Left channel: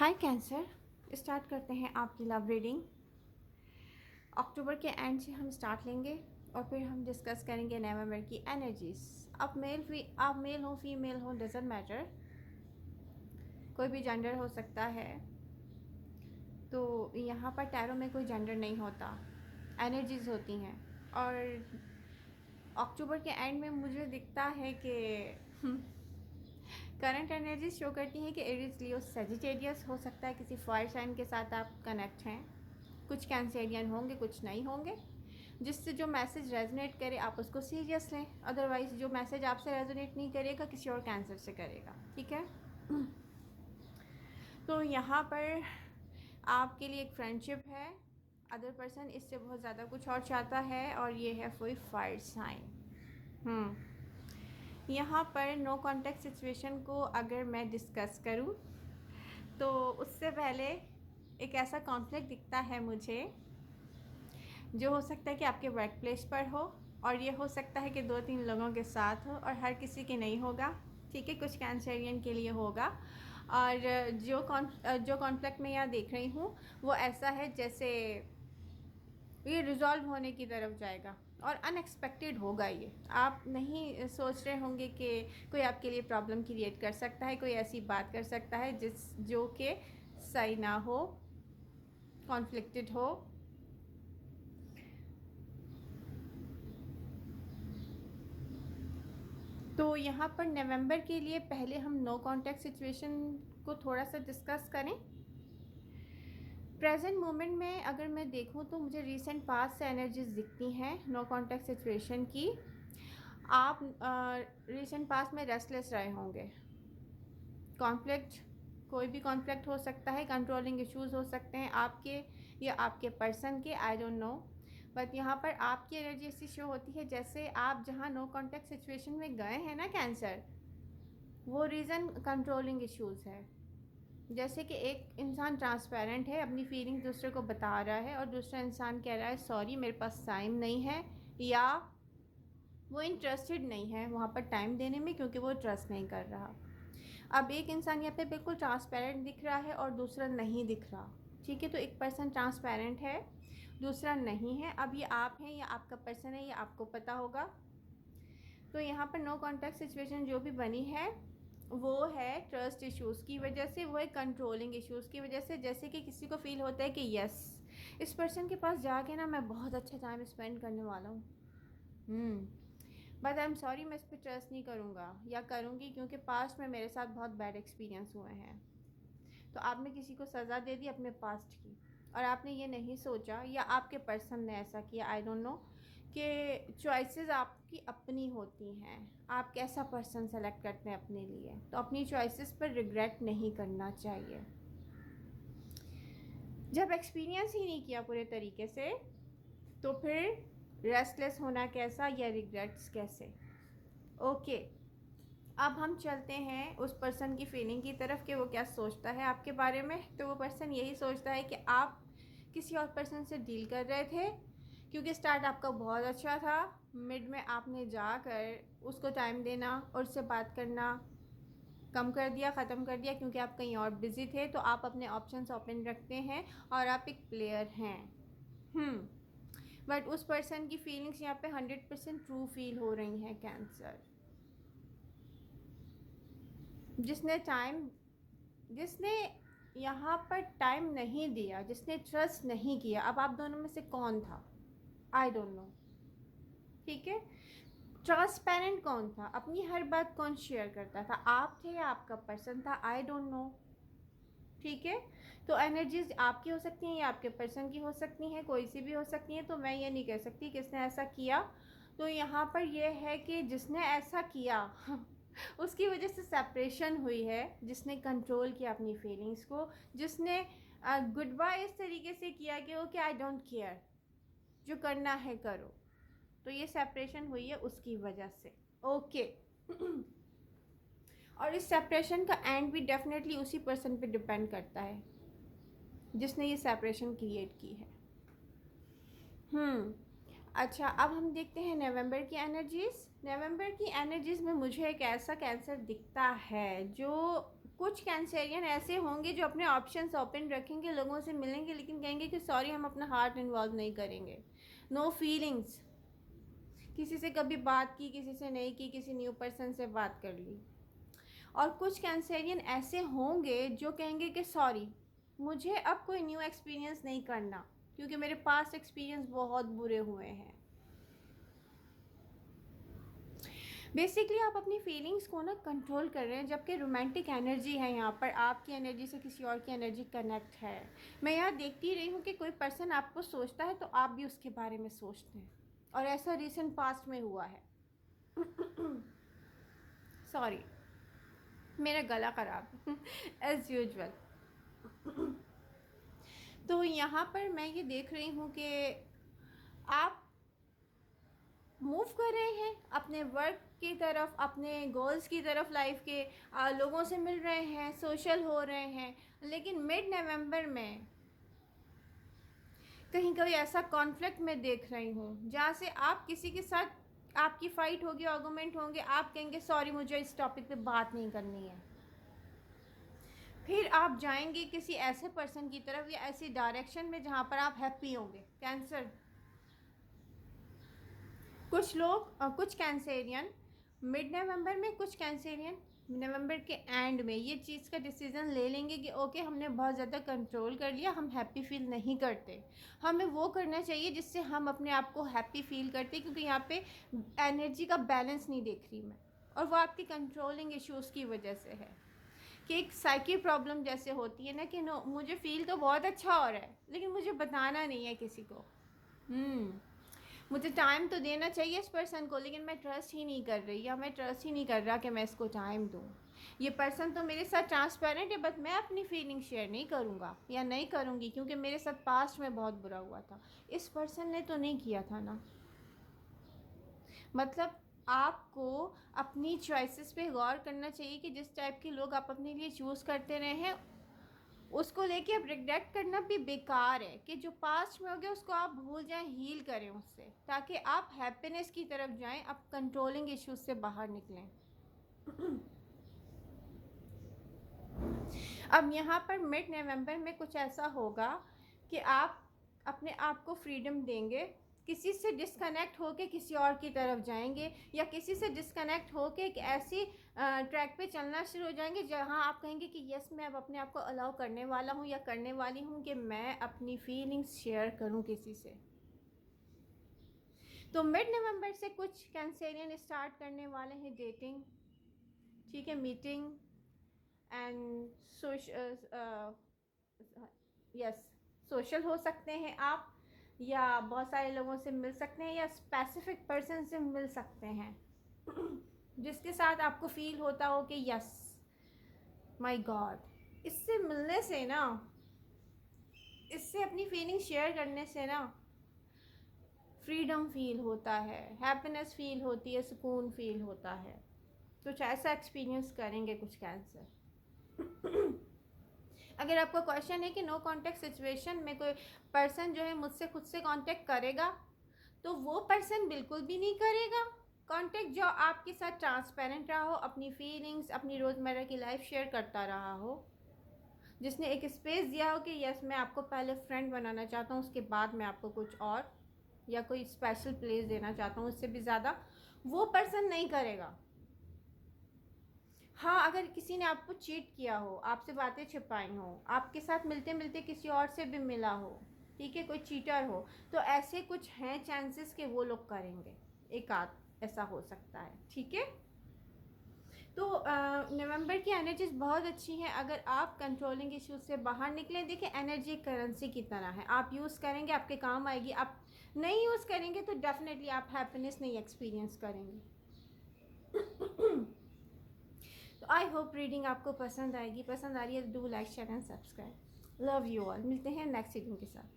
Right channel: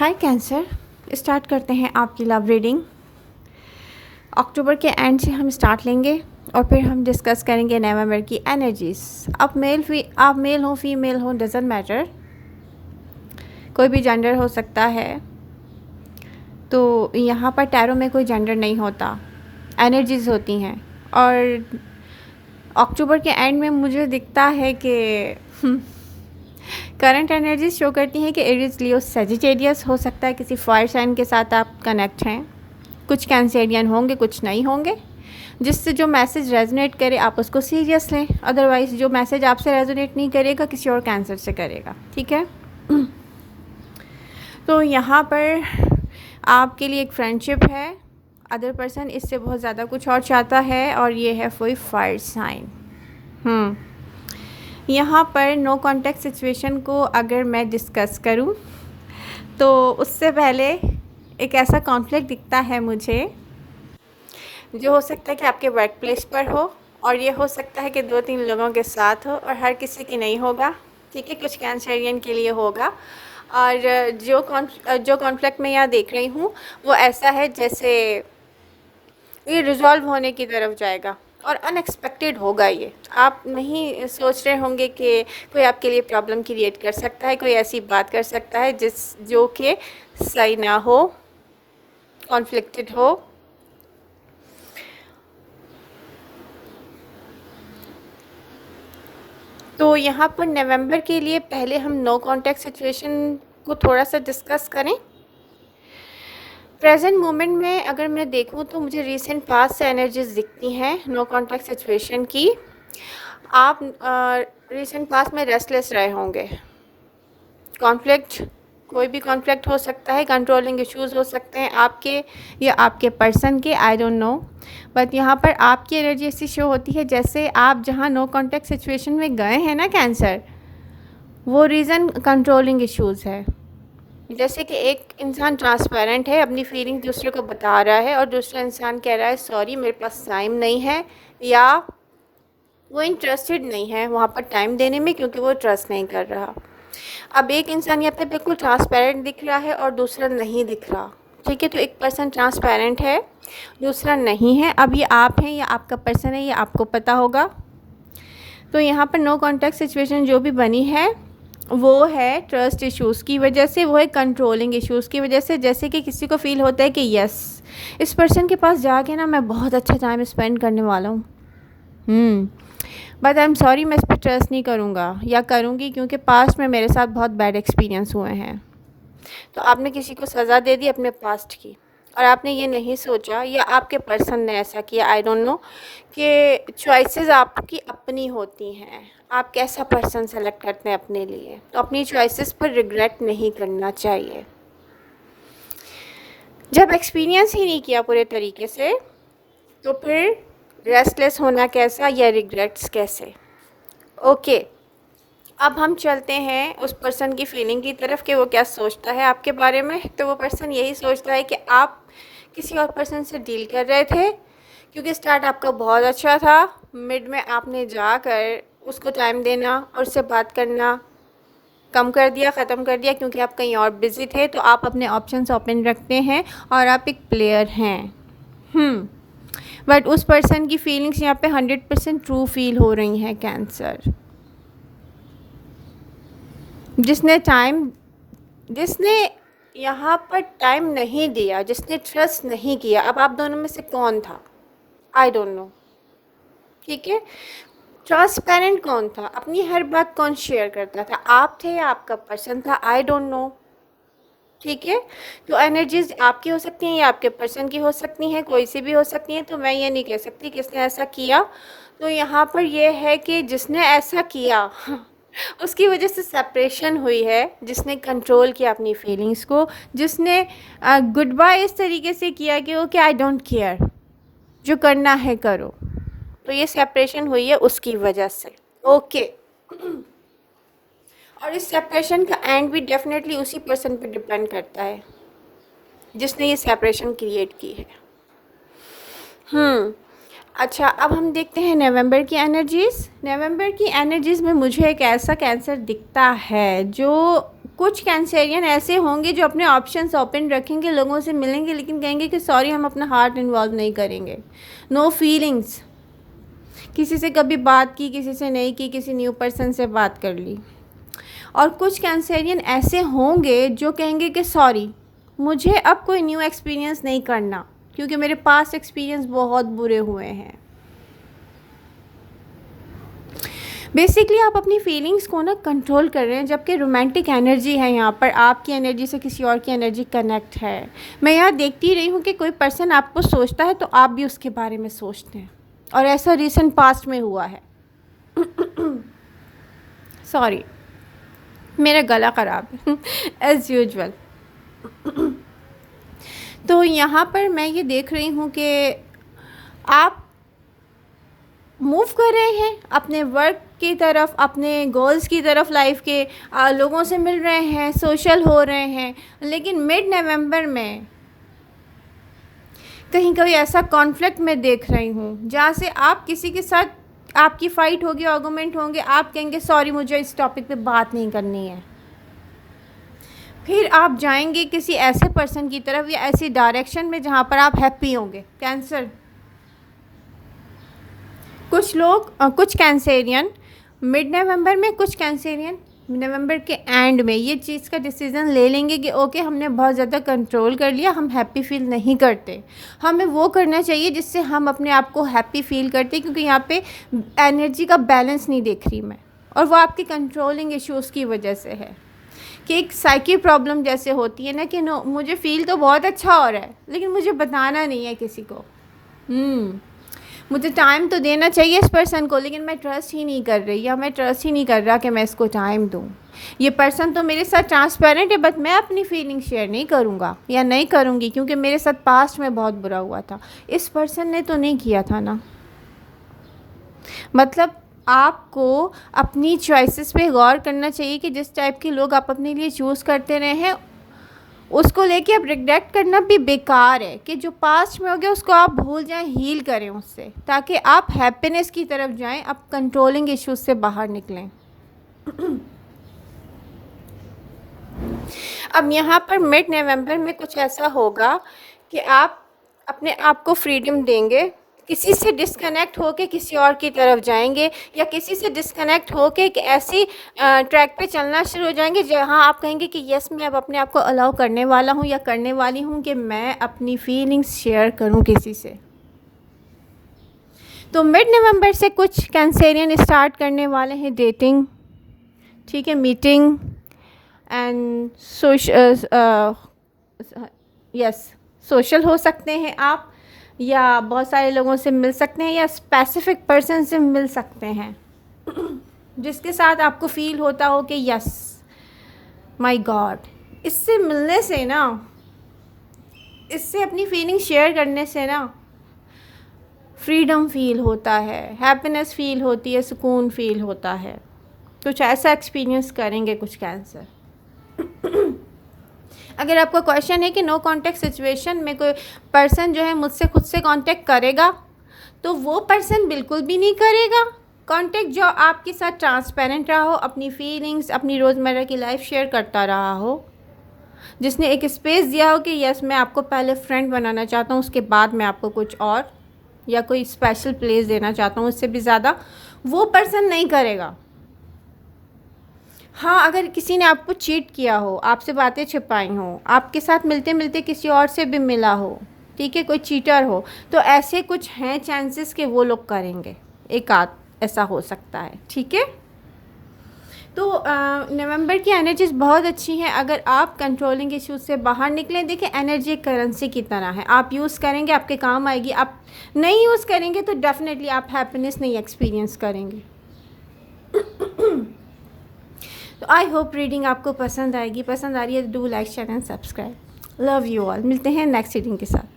हाय cancer, start करते हैं आपकी लव रीडिंग। अक्टूबर के एंड से हम स्टार्ट लेंगे और फिर हम डिस्कस करेंगे नवंबर की एनर्जीज़। आप मेल हो फीमेल हो, डजेंट मैटर, कोई भी जेंडर हो सकता है। तो यहाँ पर टैरो में कोई जेंडर नहीं होता, एनर्जीज़ होती हैं। और अक्टूबर के एंड में मुझे दिखता है कि करंट एनर्जीज शो करती हैं कि एरीज, लियो, सेजिटेरियस हो सकता है, किसी फायर साइन के साथ आप कनेक्ट हैं। कुछ कैंसेरियन होंगे, कुछ नहीं होंगे। जिससे जो मैसेज रेजोनेट करे आप उसको सीरियस लें, अदरवाइज़ जो मैसेज आपसे रेजोनेट नहीं करेगा किसी और कैंसर से करेगा, ठीक है। तो यहाँ पर आपके लिए एक फ्रेंडशिप है, अदर पर्सन इससे बहुत ज़्यादा कुछ और चाहता है, और ये है कोई फायर साइन। यहाँ पर नो कॉन्टैक्ट सिचुएशन को अगर मैं डिस्कस करूँ तो उससे पहले एक ऐसा कॉन्फ्लिक्ट दिखता है मुझे, जो हो सकता है कि आपके वर्क प्लेस पर हो, और ये हो सकता है कि 2-3 लोगों के साथ हो, और हर किसी की नहीं होगा, ठीक है। कुछ कैंसरियन के लिए होगा। और जो कॉन्फ्लिक्ट मैं यहाँ देख रही हूँ वो ऐसा है जैसे ये रिजॉल्व होने की तरफ जाएगा, और अनएक्सपेक्टेड होगा। ये आप नहीं सोच रहे होंगे कि कोई आपके लिए प्रॉब्लम क्रिएट कर सकता है, कोई ऐसी बात कर सकता है जो कि सही ना हो, कॉन्फ्लिक्टेड हो। तो यहाँ पर नवंबर के लिए पहले हम नो कॉन्टैक्ट सिचुएशन को थोड़ा सा डिस्कस करें। प्रेजेंट मोमेंट में अगर मैं देखूं तो मुझे रीसेंट पास्ट से एनर्जीज दिखती हैं नो कॉन्टैक्ट सिचुएशन की। आप रीसेंट पास्ट में रेस्टलेस रहे होंगे। कॉन्फ्लिक्ट, कोई भी कॉन्फ्लिक्ट हो सकता है, कंट्रोलिंग इश्यूज़ हो सकते हैं आपके या आपके पर्सन के, आई डोंट नो। बट यहाँ पर आपकी एनर्जी ऐसी शो होती है जैसे आप जहाँ नो कॉन्टैक्ट सिचुएशन में गए हैं ना कैंसर, वो रीज़न कंट्रोलिंग इश्यूज़ है। जैसे कि एक इंसान ट्रांसपेरेंट है, अपनी फीलिंग दूसरे को बता रहा है, और दूसरा इंसान कह रहा है सॉरी मेरे पास टाइम नहीं है, या वो इंटरेस्टेड नहीं है वहाँ पर टाइम देने में क्योंकि वो ट्रस्ट नहीं कर रहा। अब एक इंसान यहाँ पे बिल्कुल ट्रांसपेरेंट दिख रहा है और दूसरा नहीं दिख रहा, ठीक है। तो एक पर्सन ट्रांसपेरेंट है, दूसरा नहीं है। अब ये आप हैं या आपका पर्सन है, ये आपको पता होगा। तो यहाँ पर नो कॉन्टैक्ट सिचुएशन जो भी बनी है वो है ट्रस्ट इश्यूज़ की वजह से, वो है कंट्रोलिंग इश्यूज़ की वजह से। जैसे कि किसी को फील होता है कि यस, इस पर्सन के पास जाके ना मैं बहुत अच्छा टाइम स्पेंड करने वाला हूँ, बट आई एम सॉरी मैं इस पर ट्रस्ट नहीं करूँगा या करूँगी क्योंकि पास्ट में मेरे साथ बहुत बैड एक्सपीरियंस हुए हैं। तो आपने किसी को सज़ा दे दी अपने पास्ट की, और आपने ये नहीं सोचा या आपके पर्सन ने ऐसा किया, आई डोंट नो, कि चॉइसेस आपकी अपनी होती हैं। आप कैसा पर्सन सेलेक्ट करते हैं अपने लिए, तो अपनी चॉइसेस पर रिग्रेट नहीं करना चाहिए। जब एक्सपीरियंस ही नहीं किया पूरे तरीके से तो फिर रेस्टलेस होना कैसा या रिग्रेट्स कैसे। ओके, अब हम चलते हैं उस पर्सन की फीलिंग की तरफ कि वो क्या सोचता है आपके बारे में। तो वो पर्सन यही सोचता है कि आप किसी और पर्सन से डील कर रहे थे, क्योंकि स्टार्ट आपका बहुत अच्छा था, मिड में आपने जाकर उसको टाइम देना और उससे बात करना कम कर दिया, ख़त्म कर दिया, क्योंकि आप कहीं और बिज़ी थे। तो आप अपने ऑप्शंस ओपन रखते हैं और आप एक प्लेयर हैं। बट उस पर्सन की फीलिंग्स यहाँ पे 100% ट्रू फील हो रही हैं कैंसर। जिसने यहाँ पर टाइम नहीं दिया, जिसने ट्रस्ट नहीं किया, अब आप दोनों में से कौन था, आई डोंट नो, ठीक है। ट्रांसपेरेंट कौन था, अपनी हर बात कौन शेयर करता था, आप थे या आपका पर्सन था, आई डोंट नो, ठीक है। तो एनर्जीज आपकी हो सकती हैं या आपके पर्सन की हो सकती हैं, कोई सी भी हो सकती हैं। तो मैं ये नहीं कह सकती किसने ऐसा किया। तो यहाँ पर यह है कि जिसने ऐसा किया उसकी वजह से सेपरेशन हुई है, जिसने कंट्रोल किया अपनी फीलिंग्स को, जिसने गुड बाय इस तरीके से किया कि ओके आई डोंट केयर, जो करना है करो। तो ये सेपरेशन हुई है उसकी वजह से, ओके। और इस सेपरेशन का एंड भी डेफिनेटली उसी पर्सन पे डिपेंड करता है जिसने ये सेपरेशन क्रिएट की है। अच्छा, अब हम देखते हैं नवंबर की एनर्जीज़। नवंबर की एनर्जीज़ में मुझे एक ऐसा कैंसर दिखता है जो कुछ कैंसेरियन ऐसे होंगे जो अपने ऑप्शंस ओपन रखेंगे, लोगों से मिलेंगे, लेकिन कहेंगे कि सॉरी हम अपना हार्ट इन्वॉल्व नहीं करेंगे, नो फीलिंग्स। किसी से कभी बात की, किसी से नहीं की, किसी न्यू पर्सन से बात कर ली। और कुछ कैंसेरियन ऐसे होंगे जो कहेंगे कि सॉरी मुझे अब कोई न्यू एक्सपीरियंस नहीं करना, क्योंकि मेरे पास एक्सपीरियंस बहुत बुरे हुए हैं। बेसिकली आप अपनी फीलिंग्स को ना कंट्रोल कर रहे हैं, जबकि रोमांटिक एनर्जी है यहाँ पर, आपकी एनर्जी से किसी और की एनर्जी कनेक्ट है। मैं यहाँ देखती रही हूँ कि कोई पर्सन आपको सोचता है तो आप भी उसके बारे में सोचते हैं, और ऐसा रिसेंट पास्ट में हुआ है। सॉरी मेरा गला ख़राब है एज़ यूजुअल। तो यहाँ पर मैं ये देख रही हूँ कि आप मूव कर रहे हैं अपने वर्क की तरफ, अपने गोल्स की तरफ, लाइफ के लोगों से मिल रहे हैं, सोशल हो रहे हैं, लेकिन मिड नवंबर में कहीं कहीं ऐसा कॉन्फ्लिक्ट मैं देख रही हूँ जहाँ से आप किसी के साथ आपकी फ़ाइट होगी, आर्गूमेंट होंगे, आप कहेंगे सॉरी मुझे इस टॉपिक पे बात नहीं करनी है। फिर आप जाएंगे किसी ऐसे पर्सन की तरफ या ऐसी डायरेक्शन में जहाँ पर आप हैप्पी होंगे। कैंसर, कुछ लोग कुछ कैंसेरियन मिड नवंबर में, कुछ कैंसेरियन नवंबर के एंड में ये चीज़ का डिसीज़न ले लेंगे कि ओके हमने बहुत ज़्यादा कंट्रोल कर लिया, हम हैप्पी फील नहीं करते। हमें वो करना चाहिए जिससे हम अपने आप को हैप्पी फील करते, क्योंकि यहाँ पे एनर्जी का बैलेंस नहीं देख रही मैं, और वो आपकी कंट्रोलिंग इश्यूज़ की वजह से है। कि एक साइकी प्रॉब्लम जैसे होती है ना कि नो मुझे फ़ील तो बहुत अच्छा हो रहा है लेकिन मुझे बताना नहीं है किसी को। मुझे टाइम तो देना चाहिए इस पर्सन को, लेकिन मैं ट्रस्ट ही नहीं कर रही, या मैं ट्रस्ट ही नहीं कर रहा कि मैं इसको टाइम दूँ। ये पर्सन तो मेरे साथ ट्रांसपेरेंट है, बट मैं अपनी फीलिंग शेयर नहीं करूँगा या नहीं करूँगी, क्योंकि मेरे साथ पास्ट में बहुत बुरा हुआ था। इस पर्सन ने तो नहीं किया था ना। मतलब आपको अपनी चॉइसेस पे गौर करना चाहिए कि जिस टाइप के लोग आप अपने लिए चूज़ करते रहे हैं उसको लेके अब रिग्रेट करना भी बेकार है। कि जो पास्ट में हो गया उसको आप भूल जाएं, हील करें उससे, ताकि आप हैप्पीनेस की तरफ जाएं, आप कंट्रोलिंग इश्यूज से बाहर निकलें। अब यहाँ पर मिड नवंबर में कुछ ऐसा होगा कि आप अपने आप को फ्रीडम देंगे, किसी से डिस्कनेक्ट होके किसी और की तरफ जाएंगे, या किसी से डिस्कनेक्ट होके एक ऐसी ट्रैक पे चलना शुरू हो जाएंगे जहां आप कहेंगे कि यस मैं अब अपने आप को अलाउ करने वाला हूं या करने वाली हूं कि मैं अपनी फीलिंग्स शेयर करूं किसी से। तो मिड नवंबर से कुछ कैंसेरियन स्टार्ट करने वाले हैं डेटिंग, ठीक है, मीटिंग एंड सोशल हो सकते हैं आप, या बहुत सारे लोगों से मिल सकते हैं, या स्पेसिफिक पर्सन से मिल सकते हैं जिसके साथ आपको फील होता हो कि यस माय गॉड, इससे मिलने से ना, इससे अपनी फीलिंग शेयर करने से ना फ्रीडम फील होता है, हैप्पीनेस फील होती है, सुकून फील होता है। कुछ ऐसा एक्सपीरियंस करेंगे कुछ कैंसर। अगर आपका क्वेश्चन है कि नो कांटेक्ट सिचुएशन में कोई पर्सन जो है मुझसे खुद से कांटेक्ट करेगा, तो वो पर्सन बिल्कुल भी नहीं करेगा कांटेक्ट जो आपके साथ ट्रांसपेरेंट रहा हो, अपनी फीलिंग्स, अपनी रोज़मर्रा की लाइफ शेयर करता रहा हो, जिसने एक स्पेस दिया हो कि यस मैं आपको पहले फ्रेंड बनाना चाहता हूँ, उसके बाद मैं आपको कुछ और या कोई स्पेशल प्लेस देना चाहता हूँ, उससे भी ज़्यादा वो पर्सन नहीं करेगा। हाँ, अगर किसी ने आपको चीट किया हो, आपसे बातें छिपाई हों, आपके साथ मिलते मिलते किसी और से भी मिला हो, ठीक है, कोई चीटर हो, तो ऐसे कुछ हैं चांसेस कि वो लोग करेंगे, एक आध ऐसा हो सकता है, ठीक है। तो नवंबर की एनर्जीज़ बहुत अच्छी हैं अगर आप कंट्रोलिंग इश्यूज से बाहर निकलें। देखिए एनर्जी एक करेंसी की तरह है, आप यूज़ करेंगे आपके काम आएगी, आप नहीं यूज़ करेंगे तो डेफिनेटली आप हैप्पीनेस नहीं एक्सपीरियंस करेंगे। तो आई होप रीडिंग आपको पसंद आएगी, पसंद आ रही है तो do like share and subscribe. Love you all, मिलते हैं नेक्स्ट रीडिंग के साथ।